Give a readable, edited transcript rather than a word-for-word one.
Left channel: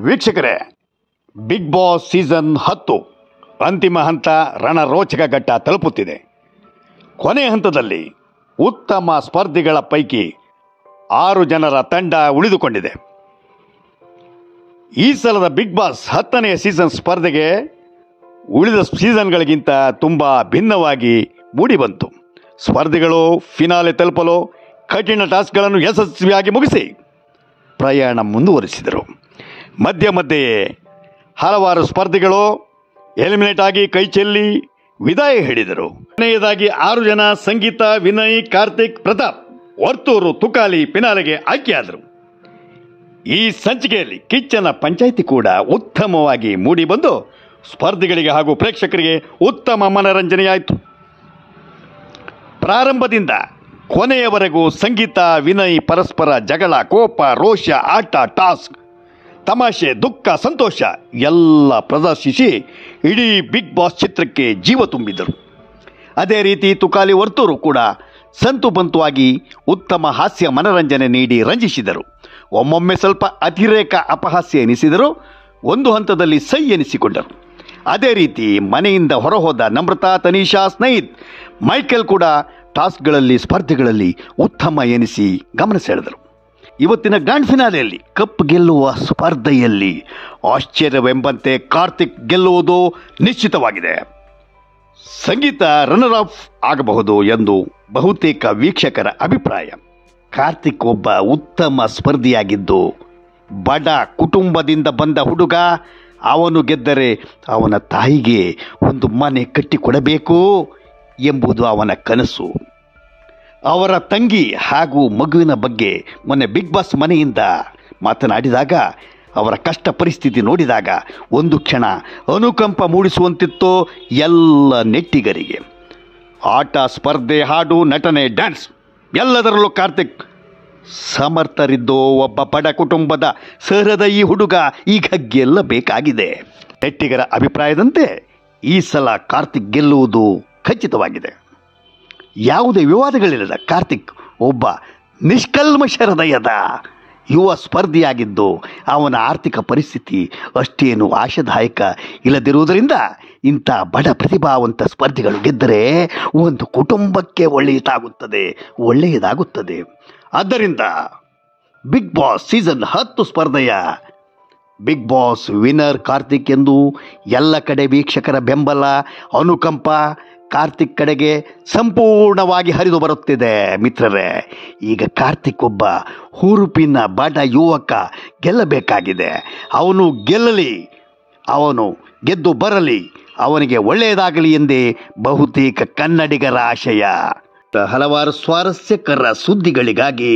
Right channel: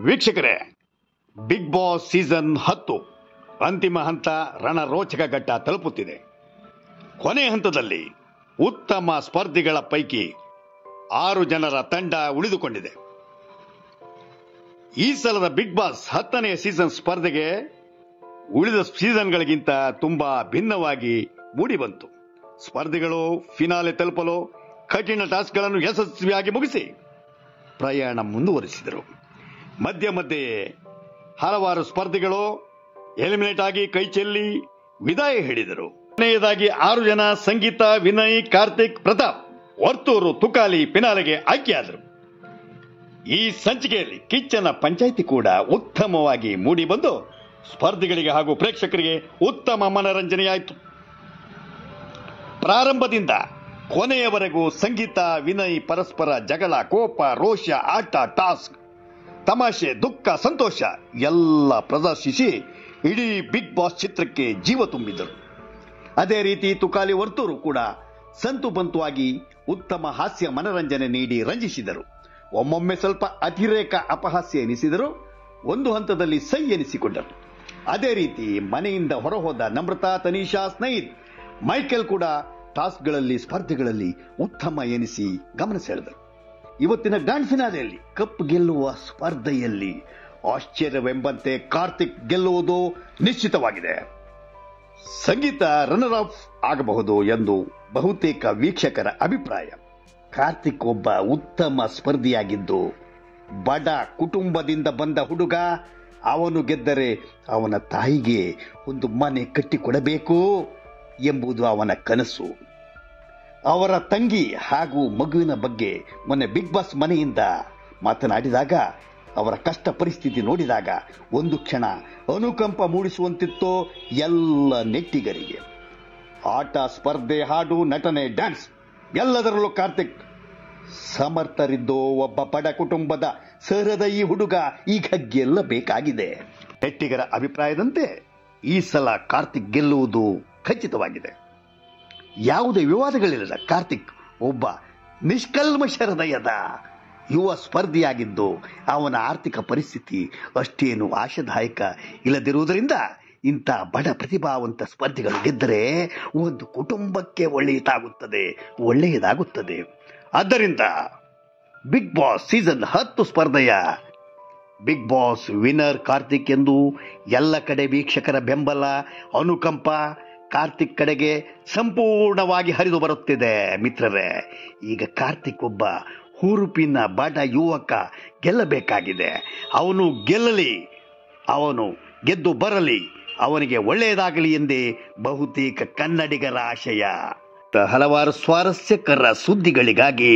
ವೀಕ್ಷಕರೇ, big boss season 10 ಅಂತಿಮ ಹಂತ ರಣರೋಚಕ ಘಟ್ಟ ತಲುಪುತ್ತಿದೆ. ಕೊನೆ ಹಂತದಲ್ಲಿ ಉತ್ತಮ ಸ್ಪರ್ಧಿಗಳ ಪೈಕಿ 6 ಜನರ ತಂಡ ಉಳಿದುಕೊಂಡಿದೆ. ಈ ಸಲದ ಬಿಗ್ ಬಾಸ್ 10ನೇ ಸೀಸನ್ ಸ್ಪರ್ಧೆಗೆ ಉಳಿದ ಸೀಸನ್ಗಳಿಗಿಂತ ತುಂಬ ಭಿನ್ನವಾಗಿ ಮೂಡಿಬಂತು. ಸ್ಪರ್ಧಿಗಳು ಫಿನಾಲೆ ತಲುಪಲು ಕಠಿಣ ಟಾಸ್ಕ್ಗಳನ್ನು ಯಶಸ್ವಿಯಾಗಿ ಮುಗಿಸಿ ಪ್ರಯಾಣ ಮುಂದುವರಿಸಿದರು. ಮಧ್ಯೆ ಮಧ್ಯೆಯೇ ಹಲವಾರು ಸ್ಪರ್ಧಿಗಳು ಎಲಿಮಿನೇಟ್ ಆಗಿ ಕೈಚೆಲ್ಲಿ ವಿದಾಯ ಹೇಳಿದರು. ಕೊನೆಯದಾಗಿ 6 ಜನ ಸಂಗೀತ, ವಿನಯ್, ಕಾರ್ತಿಕ್, ಪ್ರತಾಪ್, ವರ್ತೂರು, ತುಕಾಲಿ ಫಿನಾಲೆಗೆ ಆಯ್ಕೆಯಾದರು. ಈ ಸಂಚಿಕೆಯಲ್ಲಿ ಕಿಚ್ಚನ ಪಂಚಾಯಿತಿ ಕೂಡ ಉತ್ತಮವಾಗಿ ಮೂಡಿಬಂದು ಸ್ಪರ್ಧಿಗಳಿಗೆ ಹಾಗೂ ಪ್ರೇಕ್ಷಕರಿಗೆ ಉತ್ತಮ ಮನರಂಜನೆಯಾಯಿತು. ಪ್ರಾರಂಭದಿಂದ ಕೊನೆಯವರೆಗೂ ಸಂಗೀತ, ವಿನಯ್ ಪರಸ್ಪರ ಜಗಳ, ಕೋಪ, ರೋಷ, ಆಟ, ಟಾಸ್ಕ್, ತಮಾಷೆ, ದುಃಖ, ಸಂತೋಷ ಎಲ್ಲ ಪ್ರದರ್ಶಿಸಿ ಇಡೀ ಬಿಗ್ ಬಾಸ್ ಚಿತ್ರಕ್ಕೆ ಜೀವ ತುಂಬಿದರು. ಅದೇ ರೀತಿ ತುಕಾಲಿ, ವರ್ತೂರು ಕೂಡ ಸಂತುಬಂತುವಾಗಿ ಉತ್ತಮ ಹಾಸ್ಯ ಮನರಂಜನೆ ನೀಡಿ ರಂಜಿಸಿದರು. ಒಮ್ಮೊಮ್ಮೆ ಸ್ವಲ್ಪ ಅತಿರೇಕ ಅಪಹಾಸ್ಯ ಎನಿಸಿದರು. ಒಂದು ಹಂತದಲ್ಲಿ ಸೈ ಎನಿಸಿಕೊಂಡರು. ಅದೇ ರೀತಿ ಮನೆಯಿಂದ ಹೊರಹೋದ ನಮ್ರತಾ, ತನಿಷಾ, ಸ್ನೇಹಿತ್, ಮೈಕೆಲ್ ಕೂಡ ಟಾಸ್ಕ್ಗಳಲ್ಲಿ ಸ್ಪರ್ಧೆಗಳಲ್ಲಿ ಉತ್ತಮ ಎನಿಸಿ ಗಮನ ಸೆಳೆದರು. ಇವತ್ತಿನ ಗ್ರ್ಯಾಂಡ್ ಫಿನಾಲೆಯಲ್ಲಿ ಕಪ್ ಗೆಲ್ಲುವ ಸ್ಪರ್ಧೆಯಲ್ಲಿ ಆಶ್ಚರ್ಯವೆಂಬಂತೆ ಕಾರ್ತಿಕ್ ಗೆಲ್ಲುವುದು ನಿಶ್ಚಿತವಾಗಿದೆ. ಸಂಗೀತ ರನ್ನರ್ ಅಪ್ ಆಗಬಹುದು ಎಂದು ಬಹುತೇಕ ವೀಕ್ಷಕರ ಅಭಿಪ್ರಾಯ. ಕಾರ್ತಿಕ್ ಒಬ್ಬ ಉತ್ತಮ ಸ್ಪರ್ಧಿಯಾಗಿದ್ದು ಬಡ ಕುಟುಂಬದಿಂದ ಬಂದ ಹುಡುಗ. ಅವನು ಗೆದ್ದರೆ ಅವನ ತಾಯಿಗೆ ಒಂದು ಮನೆ ಕಟ್ಟಿಕೊಡಬೇಕು ಎಂಬುದು ಅವನ ಕನಸು. ಅವರ ತಂಗಿ ಹಾಗೂ ಮಗುವಿನ ಬಗ್ಗೆ ಮೊನ್ನೆ ಬಿಗ್ ಬಾಸ್ ಮನೆಯಿಂದ ಮಾತನಾಡಿದಾಗ ಅವರ ಕಷ್ಟ ಪರಿಸ್ಥಿತಿ ನೋಡಿದಾಗ ಒಂದು ಕ್ಷಣ ಅನುಕಂಪ ಮೂಡಿಸುವಂತಿತ್ತು ಎಲ್ಲ ನೆಟ್ಟಿಗರಿಗೆ. ಆಟ, ಸ್ಪರ್ಧೆ, ಹಾಡು, ನಟನೆ, ಡ್ಯಾನ್ಸ್ ಎಲ್ಲದರಲ್ಲೂ ಕಾರ್ತಿಕ್ ಸಮರ್ಥರಿದ್ದು ಒಬ್ಬ ಬಡ ಕುಟುಂಬದ ಸಹೃದಯಿ ಹುಡುಗ ಈಗ ಗೆಲ್ಲಬೇಕಾಗಿದೆ. ನೆಟ್ಟಿಗರ ಅಭಿಪ್ರಾಯದಂತೆ ಈ ಸಲ ಕಾರ್ತಿಕ್ ಗೆಲ್ಲುವುದು ಖಚಿತವಾಗಿದೆ. ಯಾವುದೇ ವಿವಾದಗಳಿಲ್ಲದ ಕಾರ್ತಿಕ್ ಒಬ್ಬ ನಿಷ್ಕಲ್ಮಶ ಹೃದಯದ ಯುವ ಸ್ಪರ್ಧಿಯಾಗಿದ್ದು ಅವನ ಆರ್ಥಿಕ ಪರಿಸ್ಥಿತಿ ಅಷ್ಟೇನು ಆಶಾದಾಯಕ ಇಲ್ಲದಿರುವುದರಿಂದ ಇಂಥ ಬಡ ಪ್ರತಿಭಾವಂತ ಸ್ಪರ್ಧಿಗಳು ಗೆದ್ದರೆ ಒಂದು ಕುಟುಂಬಕ್ಕೆ ಒಳ್ಳೆಯದಾಗುತ್ತದೆ. ಆದ್ದರಿಂದ ಬಿಗ್ ಬಾಸ್ ಸೀಸನ್ 10 ಸ್ಪರ್ಧೆಯ ಬಿಗ್ ಬಾಸ್ ವಿನ್ನರ್ ಕಾರ್ತಿಕ್ ಎಂದು ಎಲ್ಲ ಕಡೆ ವೀಕ್ಷಕರ ಬೆಂಬಲ, ಅನುಕಂಪ ಕಾರ್ತಿಕ್ ಕಡೆಗೆ ಸಂಪೂರ್ಣವಾಗಿ ಹರಿದು ಬರುತ್ತಿದೆ. ಮಿತ್ರರೇ, ಈಗ ಕಾರ್ತಿಕ್ ಒಬ್ಬ ಹುರುಪಿನ ಬಡ ಯುವಕ ಗೆಲ್ಲಬೇಕಾಗಿದೆ. ಅವನು ಗೆಲ್ಲಲಿ, ಅವನು ಗೆದ್ದು ಬರಲಿ, ಅವನಿಗೆ ಒಳ್ಳೆಯದಾಗಲಿ ಎಂದೇ ಬಹುತೇಕ ಕನ್ನಡಿಗರ ಆಶಯ. ಹಲವಾರು ಸ್ವಾರಸ್ಯಕರ ಸುದ್ದಿಗಳಿಗಾಗಿ